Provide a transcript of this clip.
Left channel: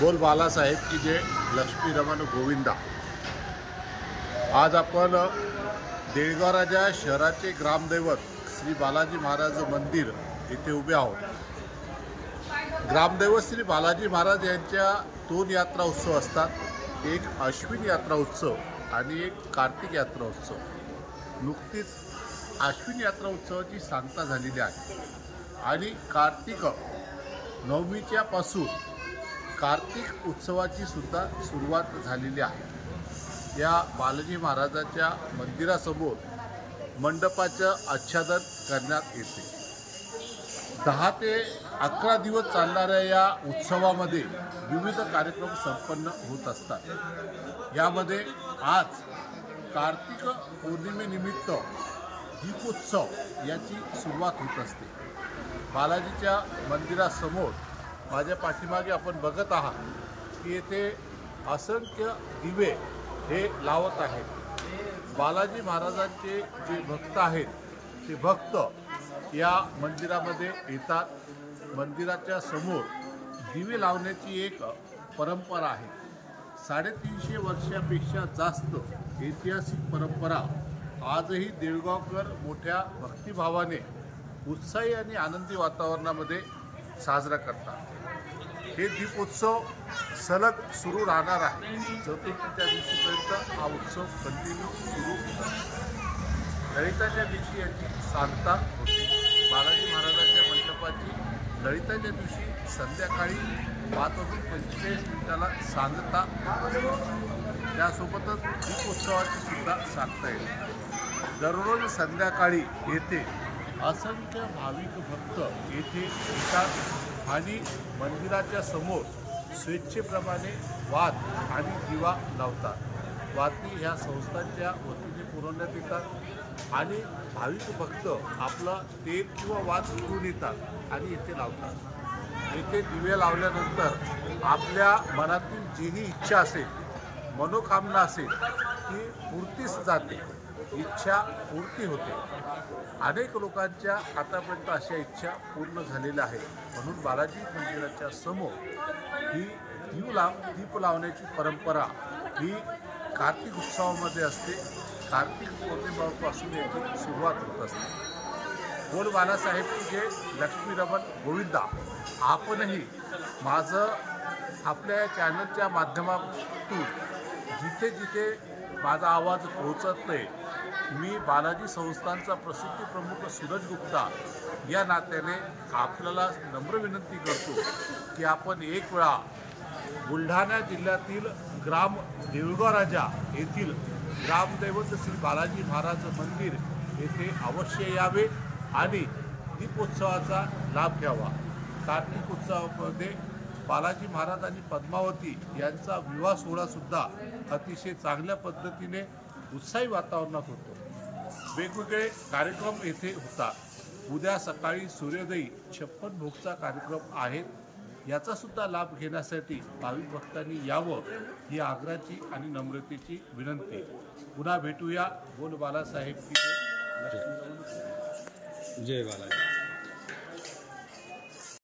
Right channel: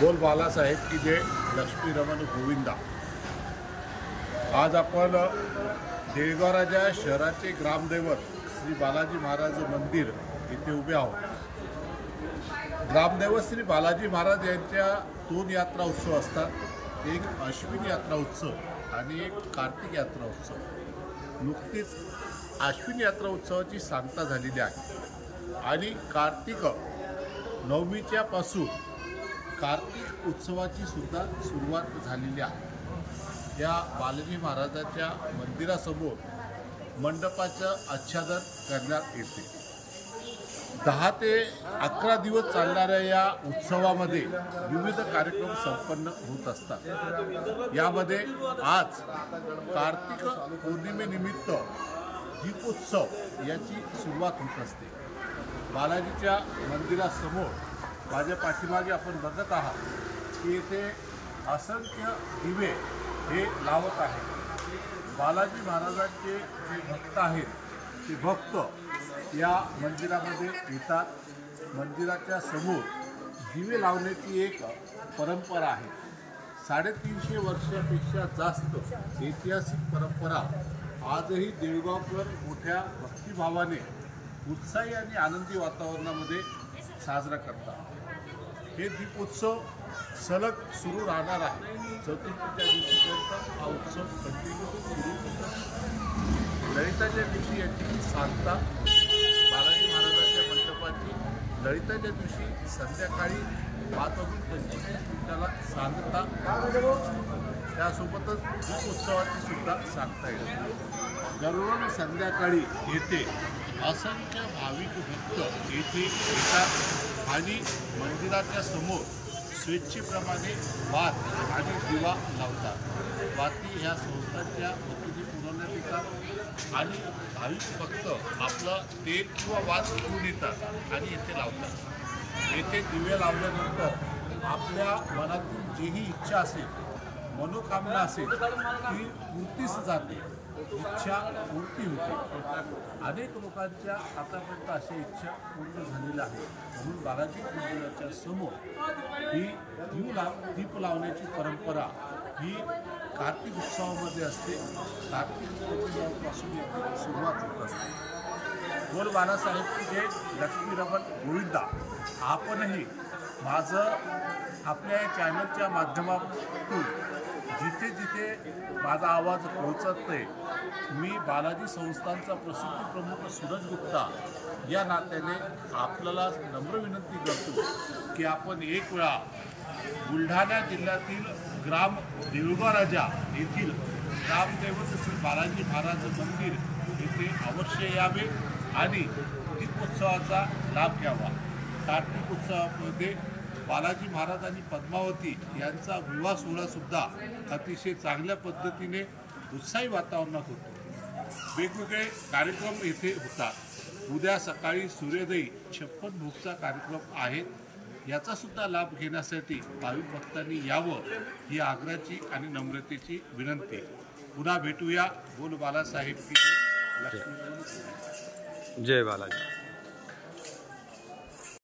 बोल बालासाहेब की जय, लक्ष्मी रमण गोविंदा। आज आपण देळगाव राजा शहराचे ग्रामदैवत श्री बालाजी महाराज मंदिर येथे उभे आहोत। ग्रामदैवत श्री बालाजी महाराज यांच्या दोन यात्रा उत्सव असतात, एक अश्विन यात्रा उत्सव आणि एक कार्तिक यात्रा उत्सव। नुकतीच अश्विन यात्रा उत्सवाची सांगता झालेली आहे आणि कार्तिक नवमीच्या पासून कार्तिक उत्सवाची सुद्धा सुरुवात झालेली आहे। या बालाजी महाराजांच्या मंदिरासमोर मंडपाचं आच्छादन करण्यात येते। 10 ते 11 दिवस चालणाऱ्या या उत्सवामध्ये विविध कार्यक्रम संपन्न होत असतात। यामध्ये आज कार्तिक पौर्णिमेनिमित्त दीपोत्सव याची सुरुवात होत असते। बालाजीच्या मंदिरासमोर माझ्या पाठीमागे आपण बघत आहात की येथे असंख्य दिवे हे लावत आहेत। बालाजी महाराजांचे जे भक्त आहेत ते भक्त या मंदिरामध्ये येतात। मंदिराच्या समोर दिवे लावण्याची एक परंपरा आहे। 350 वर्षापेक्षा जास्त ऐतिहासिक परंपरा आजही देळगावकर मोठ्या भक्तिभावाने उत्साही आणि आनंदी वातावरणामध्ये साजरा करतात। हे दीपोत्सव सलग सुरू राहणार आहे। चतुर्थीच्या दिवशीपर्यंत हा उत्सव कंटिन्यू सुरू होतो। ललिताच्या दिवशी याची सांगता होते। बालाजी महाराजांच्या मंडपाची ललिताच्या दिवशी संध्याकाळी 5:45 सांगता असते। त्यासोबतच दीपोत्सवाची सुद्धा सांगता येते। दररोज संध्याकाळी येथे असंख्य भाविक भक्त येथे येतात आणि मंदिराच्या समोर स्वेच्छेप्रमाणे वात आणि दिवा लावतात। वाती ह्या संस्थांच्या वतीने पुरवण्यात येतात आणि भाविक भक्त आपलं तेल किंवा वात घेऊन येतात आणि येथे लावतात। येथे दिवे लावल्यानंतर आपल्या मनातील जीही इच्छा असेल, मनोकामना असेल ती पूर्तीस जाते, इच्छा पूर्ती होते। अनेक लोकांच्या आतापर्यंत अशा इच्छा पूर्ण झालेल्या आहेत। म्हणून बालाजी मंदिराच्या समोर ही दीप लावण्याची परंपरा ही कार्तिक उत्सवामध्ये असते। कार्तिक पौर्णिमेपासून याची सुरुवात होत असते। बोल बालासाहेब की जय, लक्ष्मी रमण गोविंदा। आपणही माझं आपल्या या चॅनलच्या माध्यमातून जिथे जिथे माझा आवाज पोहोचतोय, मी बालाजी संस्थांचा प्रसिद्धी प्रमुख सूरज गुप्ता या नात्याने आपल्याला नम्र विनंती करतो की आपण एक वेळा बुलढाणा जिल्ह्यातील ग्राम देळगाव राजा येथील ग्रामदैवत श्री बालाजी महाराज मंदिर येथे अवश्य यावे आणि दीपोत्सवाचा लाभ घ्यावा। कार्तिक उत्सवामध्ये बालाजी महाराज आणि पद्मावती यांचा विवाह सोहळा सुद्धा अतिशय चांगल्या पद्धतीने उत्साही वातावरणात होतो। वेगवेगळे कार्यक्रम येथे होतात। उद्या सकाळी सूर्योदयी 56 भोगचा कार्यक्रम आहेत। याचा सुद्धा लाभ घेण्यासाठी भाविक भक्तांनी यावं ही आग्रहाची आणि नम्रतेची विनंती। पुन्हा भेटूया। बोल बालासाहेब की जय, लक्ष्मी रमण। जय बालाजी।